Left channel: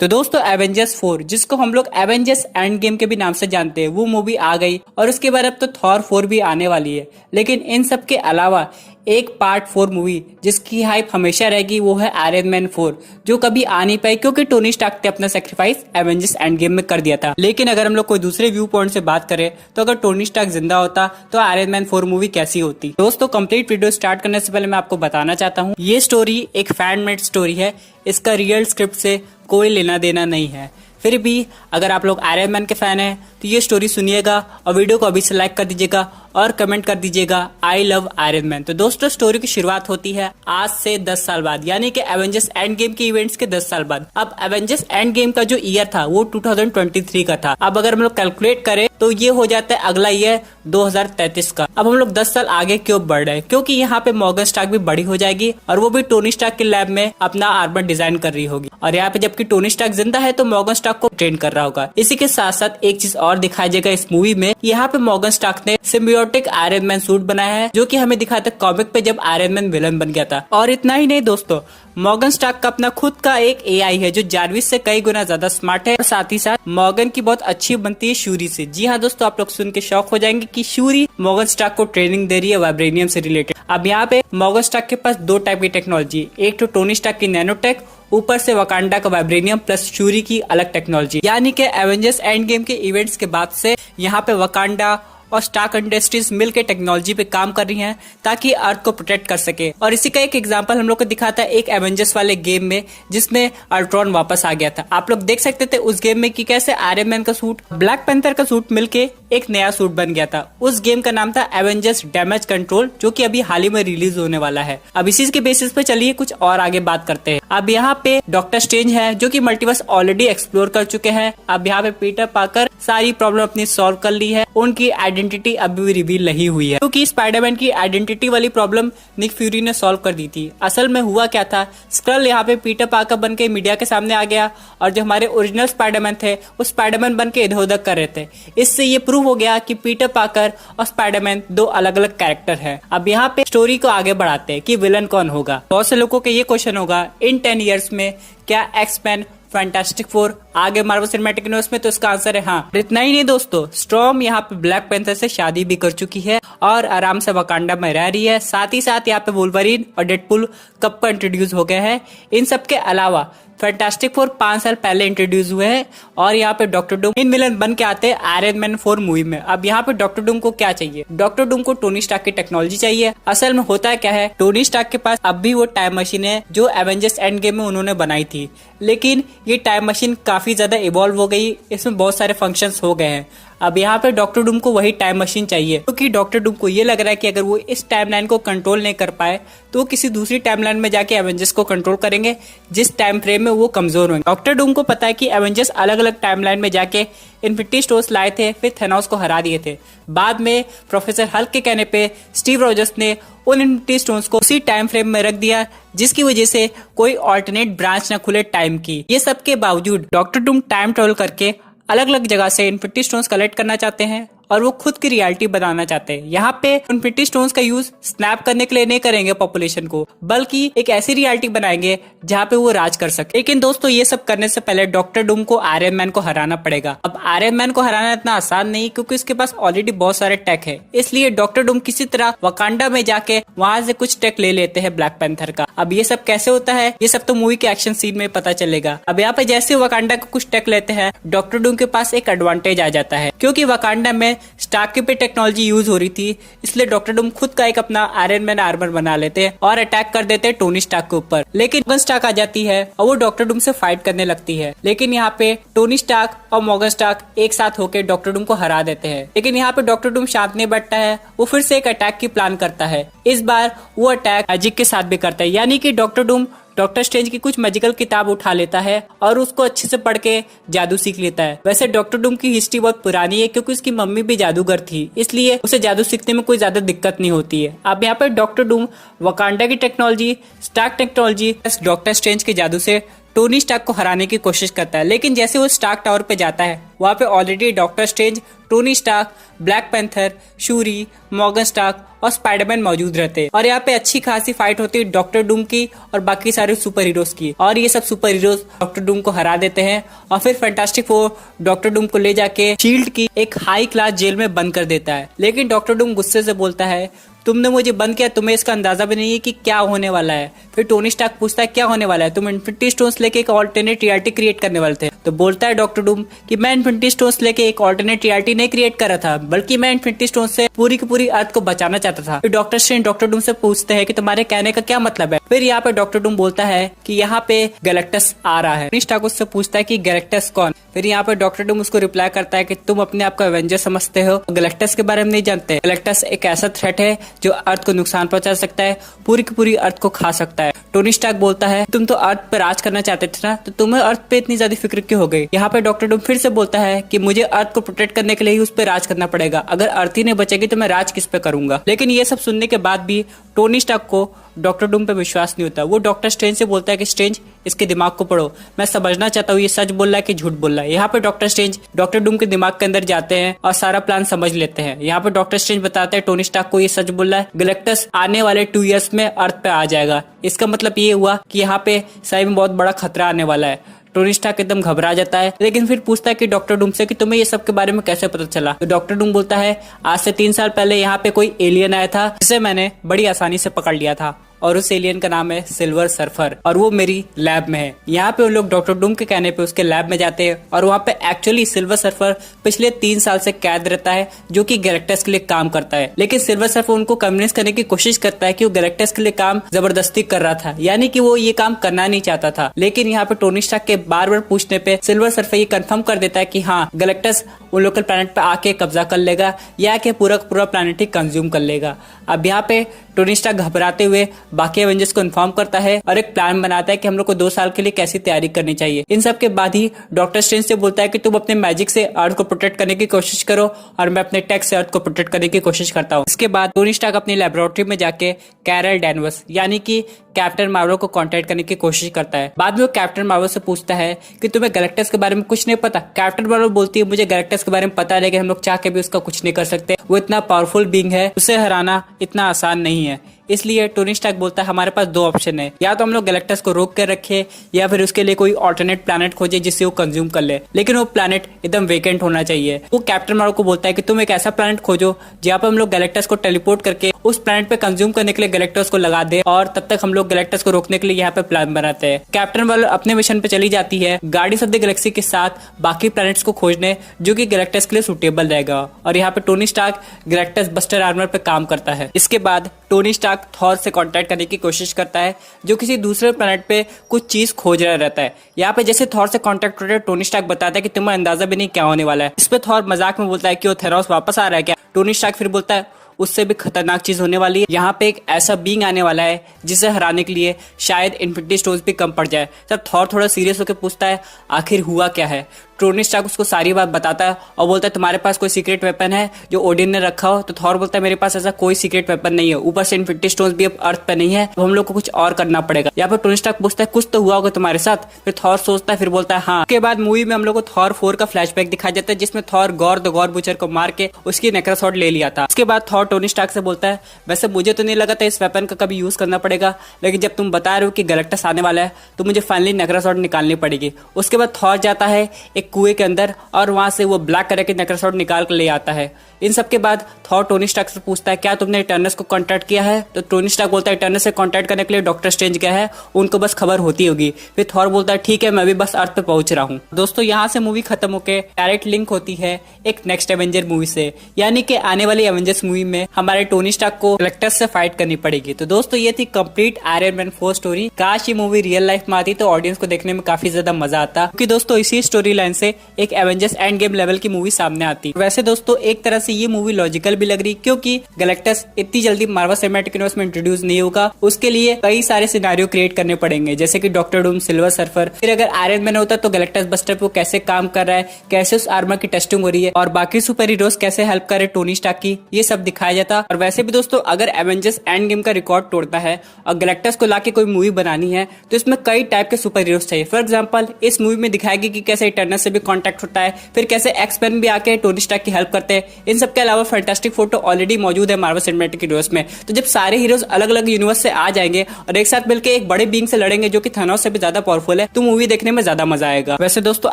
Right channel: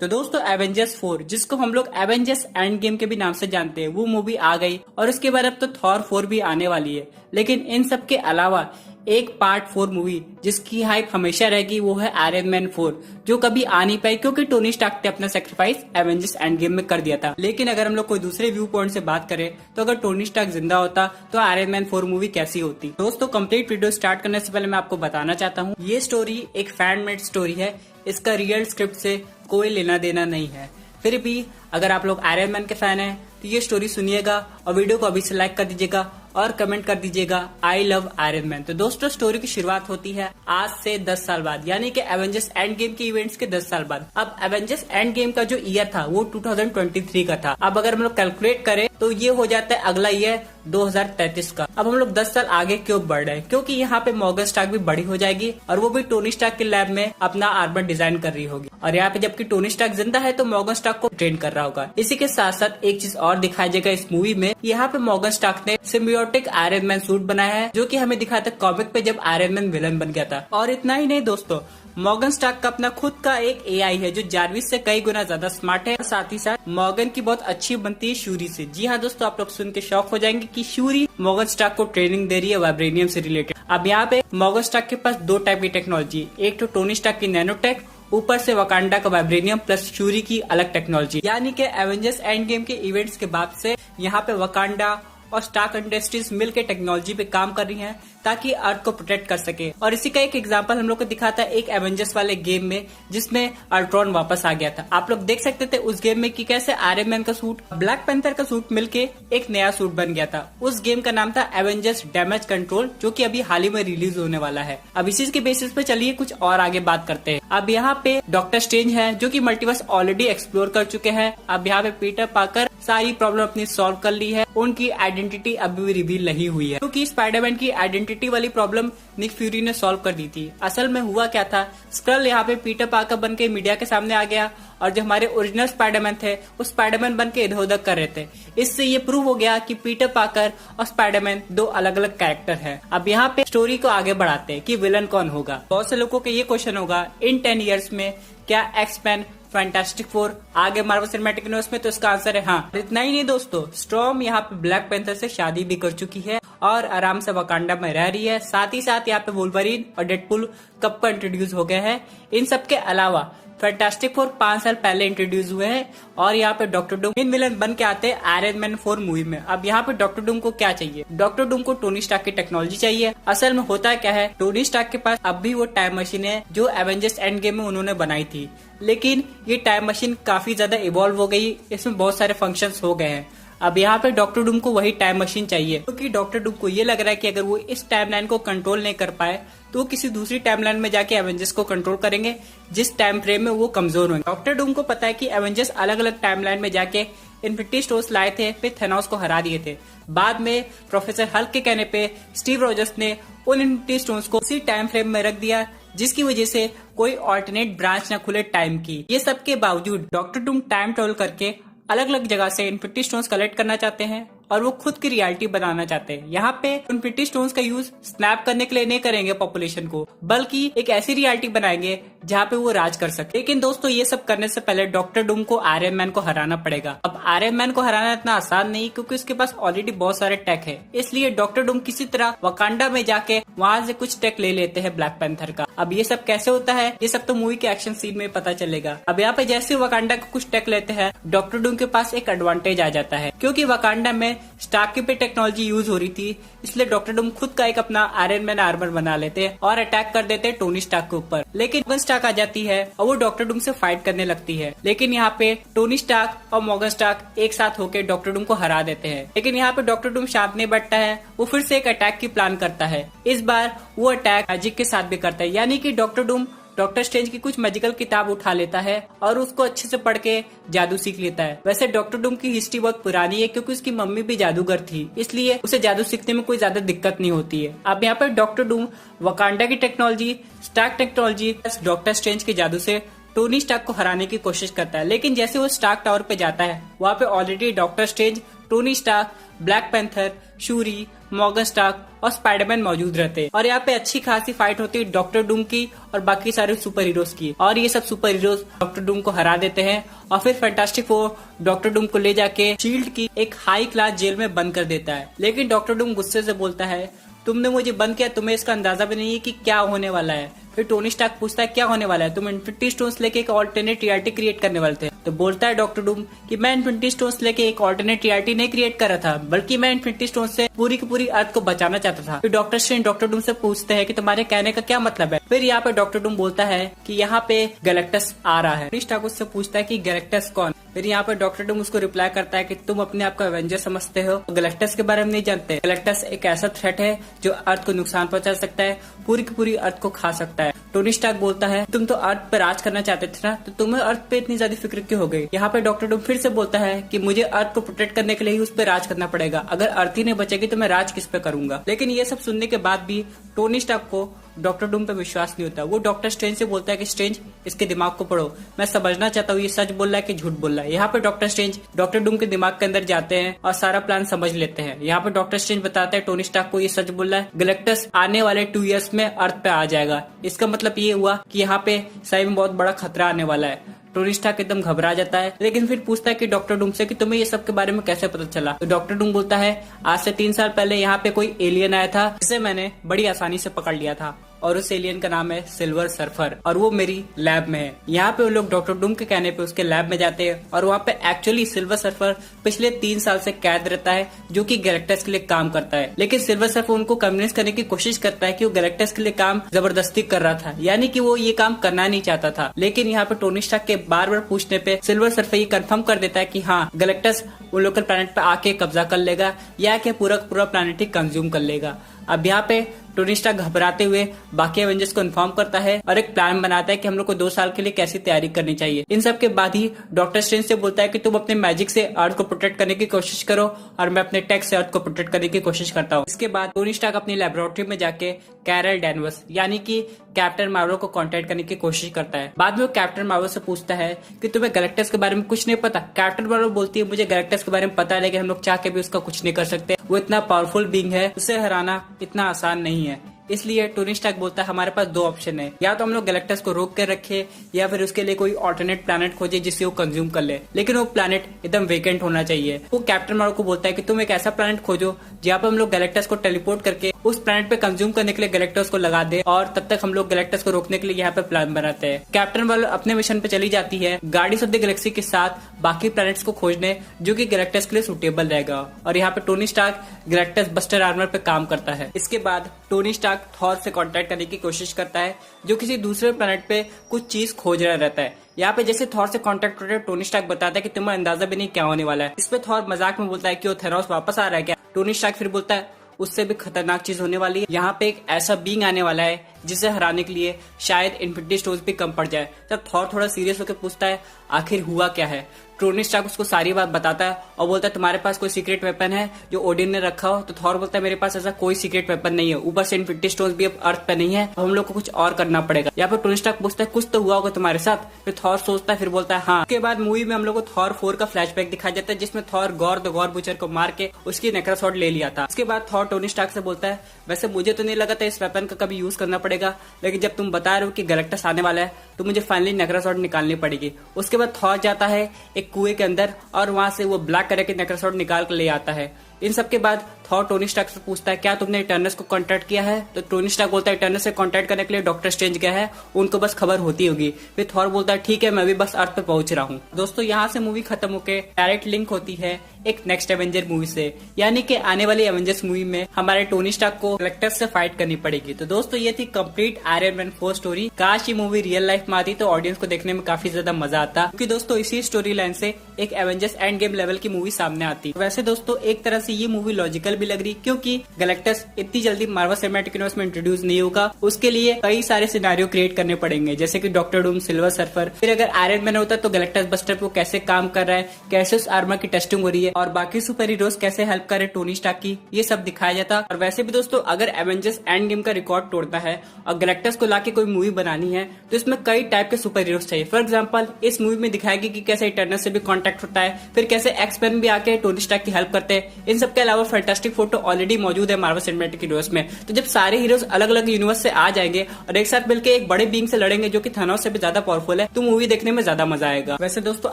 तो दोस्तों एवेंजर्स 4 जिसको हम लोग एवेंजर्स एंड गेम के भी नाम से जानते हैं वो मूवी आ गई और उसके बाद अब तो थॉर 4 भी आने वाली है। लेकिन इन सब के अलावा एक पार्ट 4 मूवी जिसकी हाइप हमेशा रहेगी वो है आयरन मैन 4 जो कभी आ नहीं पाई क्योंकि टोनी स्टार्क ने अपना सेक्रीफाइस एवेंजर्स एंड गेम में कर दिया था। लेकिन अगर हम लोग कोई दूसरे व्यू पॉइंट से बात करें तो अगर टोनी स्टार्क जिंदा होता तो आयरन मैन 4 मूवी कैसी होती। दोस्तों कंप्लीट वीडियो स्टार्ट करने से पहले मैं आपको बताना चाहता हूँ ये स्टोरी एक फैन मेड स्टोरी है, इसका रियल स्क्रिप्ट से कोई लेना देना नहीं है। फिर भी अगर आप लोग आयरन मैन के फैन हैं तो ये स्टोरी सुनिएगा और वीडियो को अभी से लाइक कर दीजिएगा और कमेंट कर दीजिएगा आई लव आयरन मैन। तो दोस्तों स्टोरी की शुरुआत होती है आज से 10 साल बाद यानी कि एवेंजर्स एंड गेम के इवेंट्स के 10 साल बाद। अब एवेंजर्स एंड गेम का जो ईयर था वो 2023 का था। अब अगर हम लोग कैलकुलेट करें तो ये हो जाता है अगला ईयर 2033 का। अब हम लोग 10 साल आगे क्यों बढ़ रहे हैं, क्योंकि यहाँ पे मॉर्गन स्टार्क भी बड़ी हो जाएगी और वो भी टोनी स्टार्क के लैब में अपना आर्मर डिजाइन कर रही होगी और यहाँ पे जबकि टोनी स्टार्क जिंदा है तो मॉर्गन स्टार्क को ट्रेन कर रहा होगा। इसी के साथ साथ एक चीज और दिखाया जाएगा इस मूवी में, यहाँ पे मॉर्गन स्टार्क ने सिम्बियोटिक आयरन मैन सूट बनाया है जो कि हमें दिखाया था कॉमिक पे जब आयरन मैन विलन बन गया था। और इतना ही नहीं दोस्तों, मॉर्गन स्टार्क का अपना खुद का एक एआई है जो जारविस से कई गुना ज्यादा स्मार्ट है और साथ ही साथ मॉर्गन की बहुत अच्छी बनती है शूरी से। जी हाँ दोस्तों, आप लोग सुन के शॉक हो जाएंगे कि शूरी मॉर्गन स्टार्क को ट्रेनिंग दे रही है वाइब्रेनियम से रिलेटेड। अब यहाँ पे मॉर्गन स्टार्क के पास दो टाइप की टेक्नोलॉजी, एक तो टोनी स्टार्क की नैनोटेक, ऊपर से वकांडा का वाइब्रेनियम प्लस शूरी की अलग टेक्नोलॉजी। यानी कि एवेंजर्स एंड गेम के इवेंट्स के बाद से यहाँ पे वकांडा और स्टार्क इंडस्ट्रीज मिलकर टेक्नोलॉजी पे काम कर रही हैं ताकि अर्थ को प्रोटेक्ट कर सके। और इसी का एक एग्जांपल हम लोग को दिखाता है एक एवेंजर्स वाले गेम में जिसमें अल्ट्रॉन वापस आ गया था। आप लोग देख सकते थे उस गेम में कि कैसे आयरन मैन का सूट, ब्लैक पैंथर का सूट मिलके एक नया सूट बन गया था। उस गेम का नाम था एवेंजर्स डैमेज कंट्रोल जो कि अभी हाल ही में रिलीज होने वाला है। अब इसी के बेसिस पे चलिए कुछ और आगे बात करते हैं। अब यहाँ पे डॉक्टर स्ट्रेंज है जो कि मल्टीवर्स ऑलरेडी एक्सप्लोर कर चुके हैं। अब यहाँ पे पीटर पार्कर सारी प्रॉब्लम अपनी सॉल्व कर ली है, उनकी आइडेंटिटी अभी भी रिवील नहीं हुई है क्योंकि स्पाइडरमैन की आइडेंटिटी वाली प्रॉब्लम निक फ्यूरी ने सॉल्व कर दी थी। असल में हुआ क्या था, स्क्रल यहाँ पे पीटर पार्कर बन के मीडिया के सामने आ गया और जो हमारे ओरिजिनल स्पाइडरमैन थे वो स्पाइडरमैन बन के इधर उधर कर रहे थे। इससे ये प्रूव हो गया कि पीटर पार्कर और स्पाइडरमैन दो अलग अलग कैरेक्टर है। अब यहाँ पे स्टोरी को आगे बढ़ाते हैं कि विलन कौन होगा। बहुत से लोगों के ये क्वेश्चन होगा इन 10 ईयर्स में क्या एक्स-मैन, फैंटास्टिक 4 आगे मार्वल सिनेमैटिक यूनिवर्स में, तो इसका आंसर है हाँ। इतना ही नहीं दोस्तों, स्टॉर्म यहाँ पे ब्लैक पैंथर से शादी भी कर चुकी है और आराम से वकांडा में रह रही है। साथ ही साथ यहाँ पे वुल्वरीन और डेडपुल कब का इंट्रोड्यूस हो गया है। इन सब के अलावा फैंटास्टिक 4 5 साल पहले इंट्रोड्यूस हुए हैं और यहाँ पे डॉक्टर डूम इन विलन बन के आते हैं आयरन मैन 4 मूवी में। अब यहाँ पे डॉक्टर डूम को क्या चाहिए, डॉक्टर डूम को टोनी स्टार्क की टेक्नोलॉजी चाहिए। असल में होता है क्या है, टोनी स्टार्क के पास अब भी वो टाइम मशीन है जो एवेंजर्स एंड गेम में उन्होंने बनाई थी, लेकिन ये टाइम मशीन काफी ज्यादा इवॉल्व हो गई, इसमें बहुत सारे फंक्शंस हो गए हैं। अब यहाँ पे डॉक्टर डूम को वही टाइम मशीन चाहिए क्योंकि डॉक्टर डूम को ये लग रहा है कि अगर वो इस टाइमलाइन को कंट्रोल नहीं कर पाए तो किसी दूसरी टाइमलाइन में जाके एवेंजर्स को कंट्रोल करेंगे जिस टाइम फ्रेम में वो कमजोर होंगे। डॉक्टर डूम को पता है कि एवेंजर्स अलग अलग टाइमलाइन में जाके इन्फिनिटी स्टोन्स लाए थे, फिर थेनोस को हरा दिए थे। बाद में प्रोफेसर हल्क के कहने पे स्टीव रॉजर्स ने उन इन्फिनिटी स्टोन्स को उसी टाइम फ्रेम में रख दिया जिसकी वजह से कोई ऑल्टरनेट ब्रांच न खुले टाइम की। ये सब के बावजूद डॉक्टर डूम टाइम ट्रेवल करके अलग अलग जगह से इन्फिनिटी स्टोन्स कलेक्ट करना चाहते हैं और वो खुद की रियलिटी बनाना चाहते हैं। यहाँ पे इन्फिनिटी स्टोन्स का यूज स्नैप करने के लिए नहीं करेंगे पॉपुलेशन को, बल्कि एक ऐसी रियलिटी बनाएंगे जहाँ पे वो राज कर सके। लेकिन दोस्तों ये सब करने से पहले डॉक्टर डूम को आयरन मैन को हराना पड़ेगा। अब आयरन मैन को हराना इतना आसान नहीं क्योंकि उसके पास ऑलरेडी बहुत सारे टेक है, इसलिए डॉक्टर डूम किसी तरह वकांडा में जाके वहां से कुछ टेक ले लेते हैं ब्लैक पैंथर का। अब ये सब कैसे होता है ये सब तो मूवी के एक्शन सीन में पता चलेगा। अब यहाँ पे जैसे वकांडा को कुछ टेक लेते हैं डॉक्टर डूम के पास एक एडवांटेज आ जाता है क्योंकि वकांडा में स्टार्क की पे टेक्नोलॉजी यूज हो रही थी, इसलिए डॉक्टर डूम खुद का एक अपना आयरन मैन आर्मर बना लेते हैं और अटैक कर देते हैं टोनी स्टार्क के ऊपर। लेकिन मॉर्गन स्टार्क आ जाती है और वो डॉक्टर डूम से फाइट करने लगती है, लेकिन यहाँ पे टोनी स्टार्क और मॉर्गन स्टार्क एक साथ होकर डॉक्टर डूम को हरा देते हैं। लेकिन यहाँ पे डॉक्टर डूम शांत नहीं बैठता है, वो फिर से एक अटैक की प्लान करता है। इस बार वो अटैक मैजिक के साथ भी करता है, यानी कि डॉक्टर डूम डॉक्टर स्ट्रेंज की कुछ मैजिकल किताब उठा लेता है और उसको अच्छे से पढ़ के जादू सीख लेता है। वैसे डॉक्टर डूम की हिस्ट्री बहुत पुरानी है क्योंकि उसकी मम्मी भी जादूगर थी, इसलिए उसे जादू सीखने में कोई ज्यादा दिक्कत नहीं होती है। अब यहाँ पे डॉक्टर डूम वकांडा की technology, Stark technology, doctor Strange के जादू से टोनी स्टार्क को हराने की कोशिश करता है। लेकिन जैसे वो स्टार्क टावर पे जाता है, वहाँ पे already doctor Strange, Tony Stark, Black Panther, Shuri, Morgan Stark और स्पाइडरमैन मौजूद रहते हैं। और यहाँ पे अच्छी खासी फाइट होती है डॉक्टर डूम की और बाकी सारे सुपर हीरोज की। और ये सब सुपर हीरोज डॉक्टर डूम को हरा देते हैं और फिर फैंटास्टिक फोर डॉक्टर डूम को ले जाके शील्ड की एक हाई क्लास जेल में बंद कर देता है। लेकिन डॉक्टर डूम गुस्से से बोलता है, तुमने मुझे बंद किया, तुम्हें इसका अंदाजा भी नहीं है कि क्या होने वाला है। फिर टोनी स्टार्क पूछता है क्या होने वाला है, तुम इन्फिनिटी स्टोन्स लेके एक ऑल्टरनेट रियलिटी क्रिएट करने वाले थे। तो बोलता है डॉक्टर डूम कि मैं इन्फिनिटी स्टोन्स लेके एक ऑल्टरनेट रियलिटी नहीं क्रिएट कर रहा था, बल्कि मैं इन्फिनिटी स्टोन्स से पूरी की पूरी अर्थ को बचाना चाहता था। फिर डॉक्टर स्ट्रेंज डॉक्टर डूम से पूछते हैं कि तुम्हारे कहने का क्या मतलब है। फिर यहाँ पे डॉक्टर डूम बोलता है कि यहाँ पे गैलेक्टस आ रहा है। टोनी स्टार्क उससे पूछता है कि गैलेक्टस कौन। फिर यहाँ पे डॉक्टर डूम उसको रिप्लाई करता है कि तुम अपने आप को एवेंजर समझते हो, गैलेक्टस के बारे में नहीं जानते। गैलेक्टस एक ऐसा थ्रेट है जो अर्थ को नुकसान पहुंचा सकता है, पूरी की पूरी अर्थ को खा सकता है। टोनी स्टार्क बोलता है तुम तो अर्थ पे राज करना चाहते थे ना, तो तुम्हें अर्थ पे इतनी ज्यादा फिक्र क्यों हो गई। यहाँ पे डॉक्टर डूम फिर से बोलता है कि मुझे अर्थ को प्रोटेक्ट करने के लिए ही उस पर राज करना पड़ेगा, अगर अर्थ ही नहीं बचेगी तो मैं राज किस पे करूंगा। लेकिन ये सब सुनने के बाद भी टोनी स्टार्क को डॉक्टर डूम पे विश्वास नहीं होता। वो डॉक्टर स्ट्रेंज से बोलता है कि स्ट्रेंज इसके दिमाग को पढ़ो, मैं समझना चाहता हूँ ये सच बोल रहा है कि झूठ बोल रहा है। यहाँ पे डॉक्टर स्ट्रेंज डॉक्टर डूम के दिमाग के अंदर जाते हैं और सारा प्लान समझ लेते हैं। यहाँ पे डॉक्टर स्ट्रेंज बताता है टोनी स्टार्क को ये सच बोल रहा है, गैलेक्टस आने वाले 2 इयर्स में अर्थ पे आ जाएगा। इसका मतलब ये हुआ कि यहाँ पे सही में बहुत बड़ा खतरा आने वाला है। टोनी स्टार्क एकदम घबरा जाता है, लेकिन फिर पूछता है कि डॉक्टर डूम से कि तुम्हें ये सब के बारे में कैसे पता चला। तो डॉक्टर डूम बोलता है आज से 3 साल पहले यहाँ पे कोई एलियन आया था जिसे मैंने बड़ी आसानी से पकड़ लिया था और उस एलियन का नाम है सिल्वर सर्फर और वो मेरी लैब में है। यहाँ पे वो लोग डॉक्टर डूम के कहने पे उसके लैब में जाते हैं और वहाँ पे एक्चुअली सिल्वर सर्फर पिछले 3 साल से कैद रहता है जो कि गैलेक्टस के लिए काम करता है। लेकिन सिल्वर सर्फर उनको कन्विंस करने की कोशिश करता है कि वो गैलेक्टस के लिए काम जबरदस्ती कर रहा था, यानी कि वो ये काम करना नहीं चाहता था। लेकिन यहाँ पे टोनी स्टार्क के बार बार पूछने पे सिल्वर सर्फर ये कंफर्म कर देता है कि हाँ गैलेक्टस वो लोकल प्लैनेट पे आके कब्जा कर लेगा या कि पूरा प्लैनेट ही कंज्यूम कर लेगा। अब यहाँ पे टोनी स्टार्क घबराते हुए बाकी एवेंजर्स को इन्फॉर्म करता है और एक प्लान बनाता है कि हम लोग को 2 साल के लिए कैसी तैयारी करनी चाहिए। इन सब के बाद ही डॉक्टर स्ट्रेंज से बोलता है कि तुम अपने मैजिक से अर्थ को प्रोटेक्ट करने की कोशिश करो और मैं अपने टेक से अर्थ को प्रोटेक्ट करने की कोशिश करता हूँ। इसके बाद टोनी स्टार्क अपनी लेबोरेटरी में जाके कैरल डैनवर्स यानी कि कैप्टन मार्वल को कांटेक्ट करने की कोशिश करता है। बाद में वो कैप्टन मार्वल से पूछता है कि तुम्हें गैलेक्टस के बारे में कुछ नहीं पता। कैप्टन मार्वल बोलती है मुझे गैलेक्टस के बारे में पता है, लेकिन हम लोग चाह के भी उसका कुछ नहीं कर सकते, वो इतना पावरफुल बीइंग है, उसे हराना इतना आसान नहीं है। इसलिए टोनी स्टार्क बोलता है हमारे पास 2 ऑप्शन है, या तो हम लोग गैलेक्टस को रोक कर रखे या फिर उसके लिए कोई ऑल्टरनेट प्लैनेट खोजे जिससे वो कंज्यूम कर ले, लेकिन वो प्लैनेट एकदम वेकेंट होना चाहिए। वो कैप्टन मार्वल को बोलता है कि तुम एक ऐसा प्लैनेट खोजो जहाँ पे हम लोग गैलेक्टस को टेलीपोर्ट करके उस प्लैनेट पे कंज्यूम करने के लिए गैलेक्टस को लगा दे और तब तक हम लोग गैलेक्टस को रोकने के लिए यहाँ पे प्लान बनाते हैं। कैप्टन मार्वल अपने मिशन पे चली जाती है गार्डियंस ऑफ द गैलेक्सी के साथ बाकी प्लैनेट्स को खोजने जो कि गैलेक्टस के लिए सुटेबल रहेगा और यहाँ पे Tony Stark Galactus buster armour पे काम करता है। इसके बाद टोनी स्टार्क थॉर से कांटेक्ट करने की कोशिश करता है जो किसी दूसरे प्लैनेट पे कुछ चीज खोज रहा रहता है। यहाँ पे जैसे थॉर से कांटेक्ट करते टोनी स्टार्क बताता है कि तुम्हें अंदाजा भी नहीं क्या होने वाला है। इस पे थॉर मजाक में बोलता है कि वो थेनोस वापस आ रहा है क्या। टोनी स्टार्क फिर बोलता है उससे भी खतरनाक चीज होने वाली है, यहाँ पे एक ऐसा बीइंग आने वाला है जिसे हराने के लिए शायद इन्फिनिटी स्टोन्स भी कम पड़ जाए। तब थॉर थोड़ा सीरियस होकर पूछता है आखिर हुआ क्या है। टोनी स्टार्क उसको सारी बात बताता है और बोलता है तुम्हारे पास कोई सीक्रेट वेपन है जो ओडिन ने रखा हो। तो थॉर बोलता है मेरे पास ऐसा कोई सीक्रेट वेपन नहीं है, ऊपर से इन्फिनिटी स्टोन्स भी अब अर्थ पे नहीं है, तो हम लोग को कुछ और करना पड़ेगा। यहाँ पे टोनी स्टार्क पूछता है कुछ तो हुआ होगा तुम्हारे साथ। फिर थॉर सोचता है, फिर बोलता है हाँ। उसके बाद मूवी में हम लोग को थॉर 4 का फ्लैशबैक दिखाया जाता है जिसमें Thor gore the gore butcher को मार के उसकी नेक्रोसॉर्ड ले लिया था। उसके बाद थॉर टोनी स्टार्क से बोलता है वैसे मुझे तो नहीं लगा था इस वेपन का कभी यूज करना पड़ेगा, लेकिन जब तुम बता रहे हो कि गैलेक्टस आने वाला है तो मुझे फाइनली नेक्रोसॉर्ड निकालनी पड़ेगी। उसके बाद थॉर जाता है एक कुएं के अंदर और वहां से वो ब्लैक कलर के नेक्रोसॉर्ड निकाल कर ले आता है। इन सब के बाद थॉर टोनी स्टार्क से पूछता है क्या तुमने इटर्नल्स को कांटेक्ट किया है। तो टोनी स्टार्क बोलता है इटर्नल्स से कांटेक्ट करने के लिए डॉक्टर स्ट्रेंज गया है, उनको बस खबर होती होगी। फिर थॉर बोलता है ठीक है मैं भी बस अर्थ पे पहुंच रहा हूँ। दोस्तों यहाँ से मूवी खत्म होकर डायरेक्ट लिंक होती है एक नेक्स्ट एवेंजर मूवी से, यानी कि आने वाली एवेंजर्स मूवी में हमारे टोनी स्टार्क को गैलेक्टस से फाइट करनी पड़ेगी। तो दोस्तों ये थी कंप्लीट आयरन मैन 4 स्टोरी। काश ये मूवी रियल लाइफ में आती तो ऑडियंस को देखने में काफी ज्यादा मजा आता, क्योंकि दोस्तों इसी स्टोरी लाइन से एक एवेंजर्स एंड गेम लेवल की मूवी सामने आती। वैसे दोस्तों एक तरह से ये मूवी लॉजिकल भी लग रही, क्योंकि गैलेक्टस इतनी जल्दी मार्वल सिनेमैटिक यूनिवर्स में इंट्रोड्यूस नहीं होगा। उसके लिए कई सारे सिनेरियो क्रिएट करने पड़ेंगे, जैसे कि डॉक्टर डूम, सिल्वर सर्फर। फिर अगर आयरन मैन होता तो गैलेक्टस बस्टर पे कैसे काम कर रहा है, कैसे उस आर्मर की टेस्टिंग हो रही है और बाकी सुपर हीरोज कैसे हेल्प कर रहे टोनी स्टार्क की, ये सब दिखाया जाता। और वैसे भी दोस्तों, अगर एवेंजर्स एंड गेम का रिकॉर्ड तोड़ता है और गैलेक्टस को लाके कोई मूवी बनानी है तो इसमें कई टाइप के सुपर हीरोज चाहिए। फॉर एग्जांपल, इस मूवी में दिखाएगी कि कैसे इटर्नल से भी कांटेक्ट होता है, फिर कैसे एक्स-मैन भी आके टोनी स्टार्क की हेल्प करते हैं। इन सब के अलावा फैंटास्टिक फोटो ऑलरेडी मौजूद है मार्वल सिनेमैटिक यूनिवर्स में। तो जब सारे हीरोज अलग अलग यूनिवर्स से आ जाएंगे और एक साथ मिलकर एक बड़े बीइंग से लड़ेंगे जो कि थानोस से भी ज्यादा पावरफुल है, तो मूवी देखने में ज्यादा मजा आएगा। वैसे दोस्तों,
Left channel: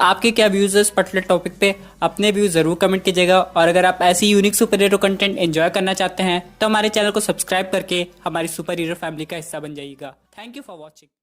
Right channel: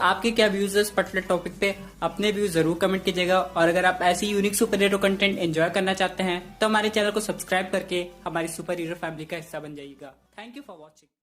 आपके क्या व्यूज है इस पर्टिकुलर टॉपिक पे, अपने व्यूज जरूर कमेंट कीजिएगा। और अगर आप ऐसी unique super hero content enjoy करना चाहते हैं तो हमारे चैनल को सब्सक्राइब करके हमारी सुपर हीरो फैमिली का हिस्सा बन जाइएगा। Thank you for watching.